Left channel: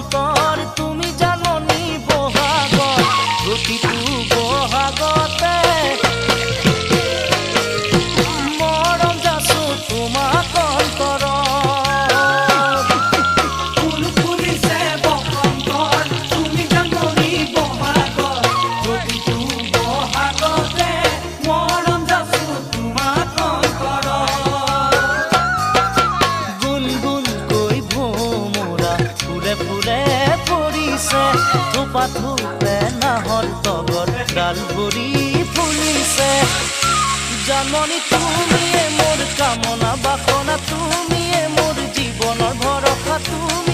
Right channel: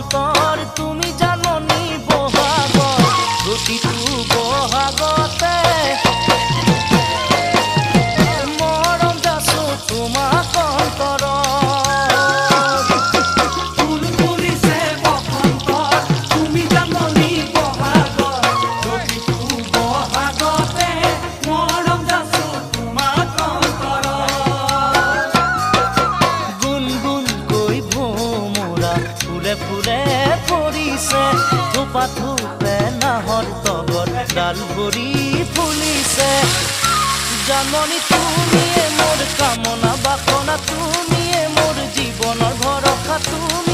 বসন্তৰ তুমি জাননী বহাগৰ প্ৰতিটো বহাগতে মৰম যাচো তোমাক অন্তৰত ফুল ফুলিছে বসন্তৰ তুমি জাননী বহাগৰ প্ৰতিটো বহাগতে মৰম যাচো তোমাক অন্তৰত গুণগুণকৈ ভোমোৰা ফুলে ফুলে পৰিছে থোপা থোপে নাহৰ তগৰ ডাল ভৰি ফুলিছে জাননী তুমিয়ে মোৰ কামনা বাসনা তুমিয়ে মোৰ জীৱনৰ ভৰসা তুমি